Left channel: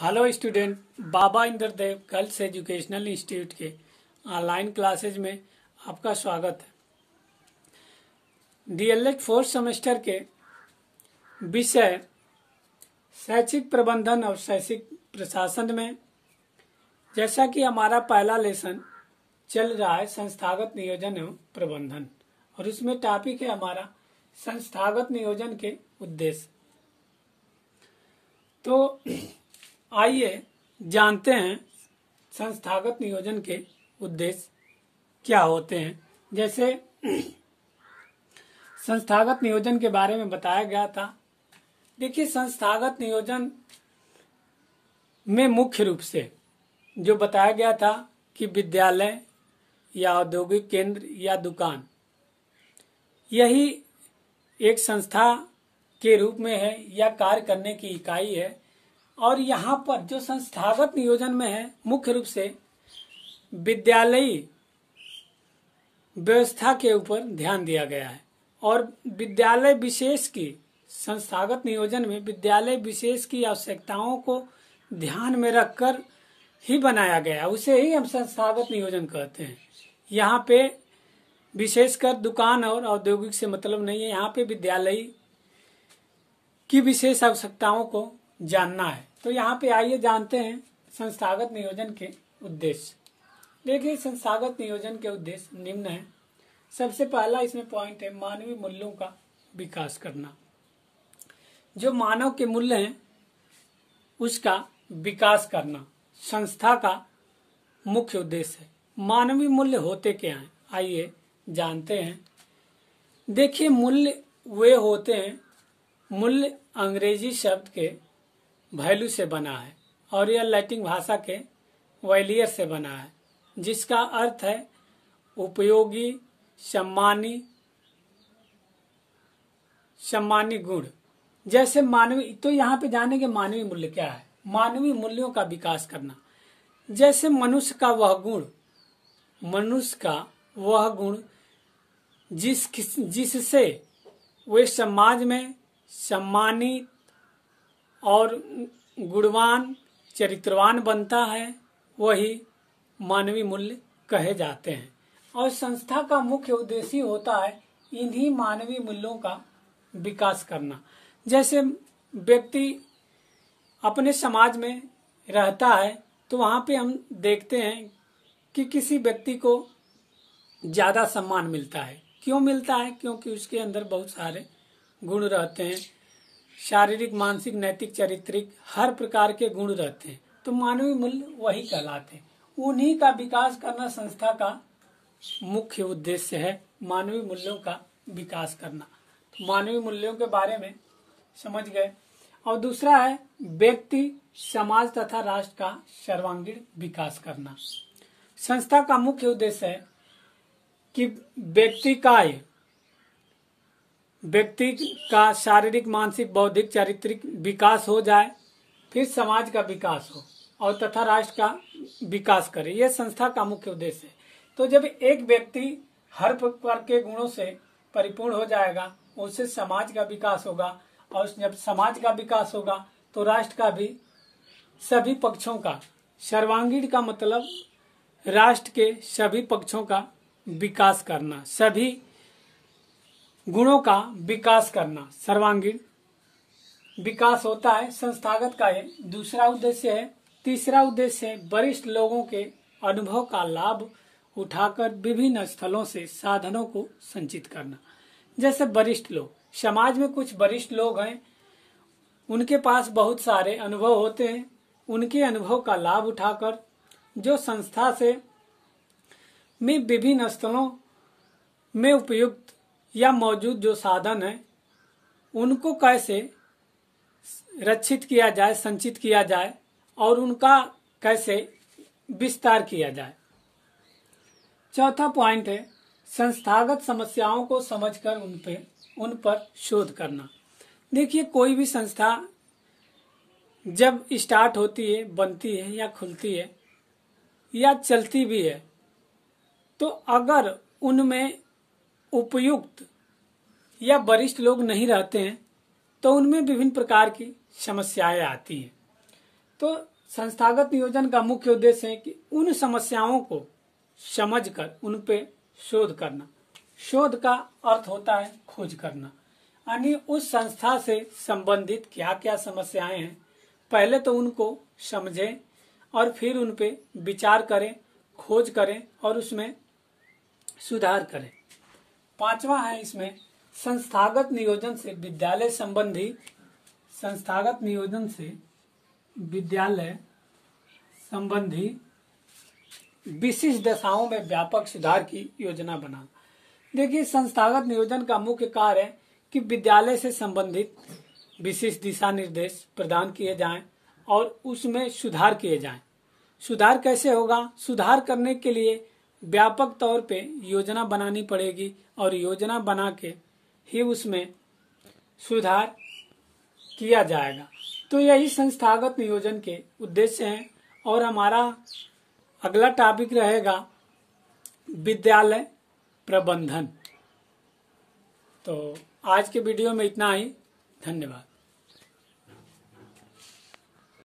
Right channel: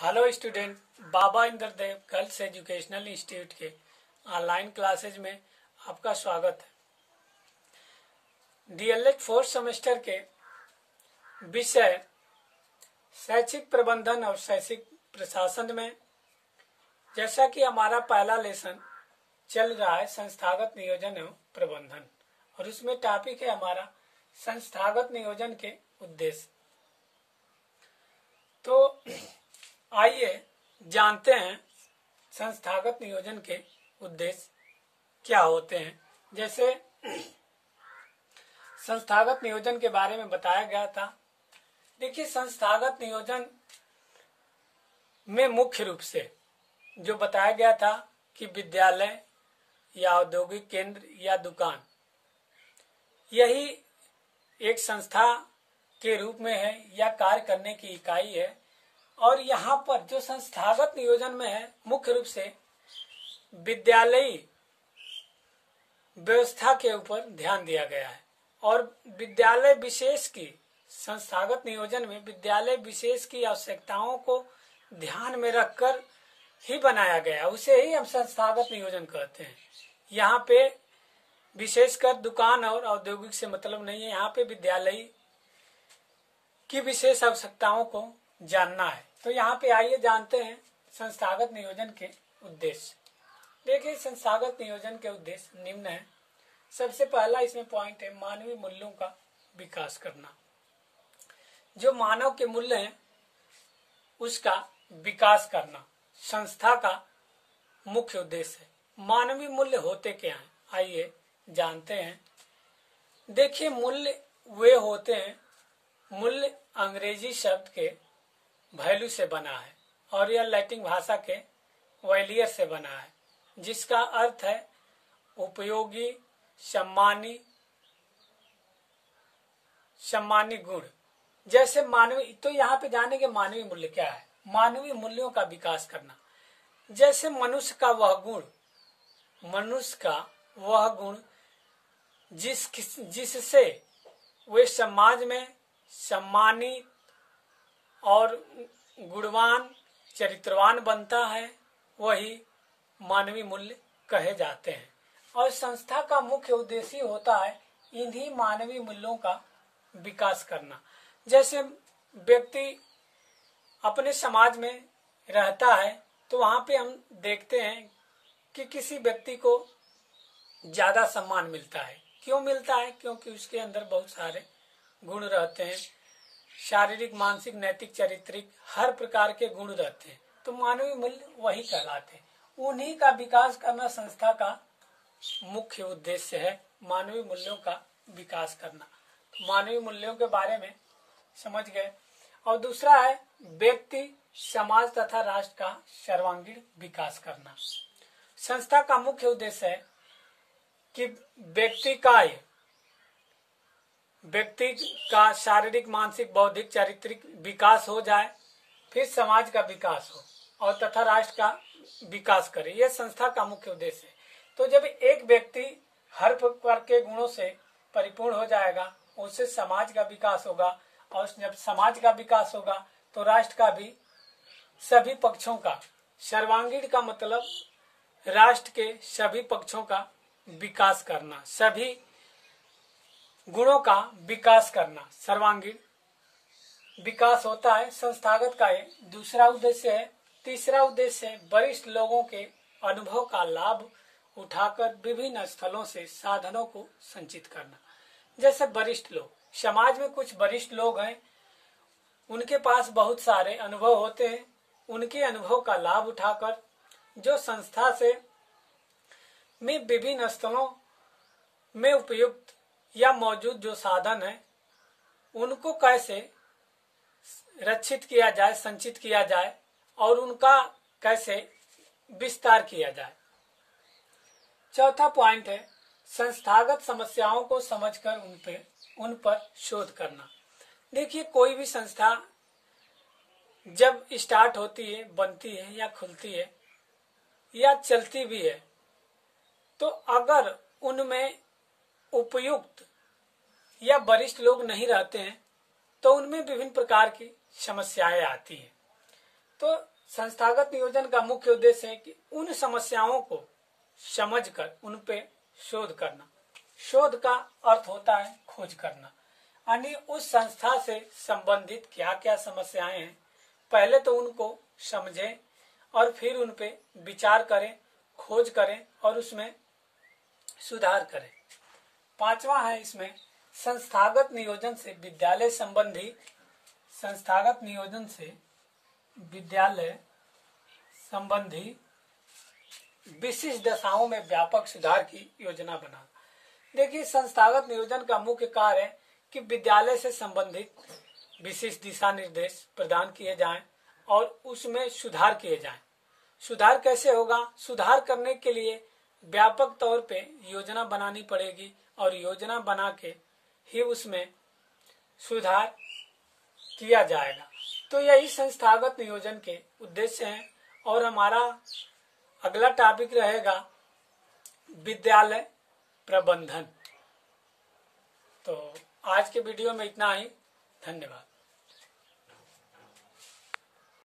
Hello student, बाबा Indradev girls educational institute के online classes में आपका स्वागत है। डीएलएड फोर्थ सेमेस्टर के विषय शैक्षिक प्रबंधन और शैक्षिक प्रशासन में जैसा कि हमारा पहला लेसन चल रहा है संस्थागत नियोजन एवं प्रबंधन, और उसमें टॉपिक है हमारा संस्थागत नियोजन के उद्देश्य। तो आइए जानते हैं संस्थागत नियोजन के उद्देश्य क्या होते हैं। जैसे संस्थागत नियोजन के बारे में बताया गया था। देखिए, संस्थागत नियोजन में मुख्य रूप से जो बताया गया था कि विद्यालय या औद्योगिक केंद्र या दुकान, यही एक संस्था के रूप में है या कार्य करने की इकाई है। और यहाँ पर जो संस्थागत नियोजन में है, मुख्य रूप से विद्यालयी व्यवस्था के ऊपर ध्यान दिया गया है। और विद्यालय विशेष की संस्थागत नियोजन में विद्यालय विशेष की आवश्यकताओं को ध्यान में रखकर ही बनाया गया, उसे ही हम संस्थागत नियोजन कहते हैं। यहाँ पे विशेषकर दुकान और औद्योगिक से मतलब नहीं है, यहाँ पे विद्यालय की विशेष आवश्यकताओं को जानना है। तो यहाँ पे आइए जानते हैं संस्थागत नियोजन के उद्देश्य। देखिए, संस्थागत नियोजन के उद्देश्य निम्न है। सबसे पहला इसमें पॉइंट है मानवीय मूल्यों का विकास करना। जो मानव के मूल्य हैं उसका विकास करना संस्था का मुख्य उद्देश्य है। मानवीय मूल्य होते क्या हैं, आइए जानते हैं। देखिए, मूल्य वे होते हैं, मूल्य अंग्रेजी शब्द के वैल्यू से बना है और यह लैटिन भाषा के वैलियर से बना है, जिसका अर्थ है उपयोगी, सम्मानी गुण। जैसे मानवीय, तो यहाँ पे जानेंगे मानवीय मूल्य क्या है। मानवीय मूल्यों का विकास करना, जैसे मनुष्य का वह गुण जिससे वे समाज में सम्मानित और गुणवान, चरित्रवान बनता है, वही मानवीय मूल्य कहे जाते हैं। और संस्था का मुख्य उद्देश्य होता है इन्हीं मानवीय मूल्यों का विकास करना। जैसे व्यक्ति अपने समाज में रहता है तो वहाँ पे हम देखते हैं कि किसी व्यक्ति को ज्यादा सम्मान मिलता है। क्यों मिलता है? क्योंकि उसके अंदर बहुत सारे गुण रहते हैं, शारीरिक, मानसिक, नैतिक, चारित्रिक, हर प्रकार के गुण रहते हैं। तो मानवीय मूल्य वही कहलाते हैं। उन्हीं का विकास करना संस्था का मुख्य उद्देश्य है, मानवीय मूल्यों का विकास करना। तो मानवीय मूल्यों के बारे में समझ गए। और दूसरा है व्यक्ति, समाज तथा राष्ट्र का सर्वांगीण विकास करना। संस्था का मुख्य उद्देश्य है कि व्यक्ति का शारीरिक, मानसिक, बौद्धिक, चारित्रिक विकास हो जाए, फिर समाज का विकास हो और तथा राष्ट्र का विकास करे। यह संस्था का मुख्य उद्देश्य है। तो जब एक व्यक्ति हर प्रकार के गुणों से परिपूर्ण हो जाएगा, उससे समाज का विकास होगा, और जब समाज का विकास होगा तो राष्ट्र का भी सभी पक्षों का, सर्वांगीण का मतलब राष्ट्र के सभी पक्षों का विकास करना, सभी गुणों का विकास करना, सर्वांगीण विकास होता है संस्थागत का। ये दूसरा उद्देश्य है। तीसरा उद्देश्य है वरिष्ठ लोगों के अनुभव का लाभ उठाकर विभिन्न स्थलों से साधनों को संचित करना। जैसे वरिष्ठ लोग, समाज में कुछ वरिष्ठ लोग हैं, उनके पास बहुत सारे अनुभव होते हैं। उनके अनुभव का लाभ उठाकर जो संस्था से में विभिन्न स्थलों में उपयुक्त या मौजूद जो साधन है, उनको कैसे रक्षित किया जाए, संचित किया जाए और उनका कैसे विस्तार किया जाए। चौथा पॉइंट है संस्थागत समस्याओं को समझकर उन पर शोध करना। देखिए, कोई भी संस्था जब स्टार्ट होती है, बनती है या खुलती है या चलती भी है, तो अगर उनमें उपयुक्त या वरिष्ठ लोग नहीं रहते हैं तो उनमें विभिन्न प्रकार की समस्याएं आती हैं। तो संस्थागत नियोजन का मुख्य उद्देश्य है कि उन समस्याओं को समझकर उन पे शोध करना। शोध का अर्थ होता है खोज करना, यानी उस संस्था से संबंधित क्या क्या समस्याएं हैं पहले तो उनको समझें और फिर उन पे विचार करें, खोज करें और उसमें सुधार करें। पांचवा है इसमें संस्थागत नियोजन से विद्यालय संबंधी, संस्थागत नियोजन से विद्यालय संबंधी विशिष्ट दशाओं में व्यापक सुधार की योजना बनाना। देखिए, संस्थागत नियोजन का मुख्य कार्य है कि विद्यालय से संबंधित विशिष्ट दिशा निर्देश प्रदान किए जाएं और उसमें सुधार किए जाएं। सुधार कैसे होगा? सुधार करने के लिए व्यापक तौर पे योजना बनानी पड़ेगी और योजना बना के ही उसमें सुधार किया जाएगा। तो यही संस्थागत नियोजन के उद्देश्य हैं। और हमारा अगला टॉपिक रहेगा विद्यालय प्रबंधन। तो आज के वीडियो में इतना ही। धन्यवाद।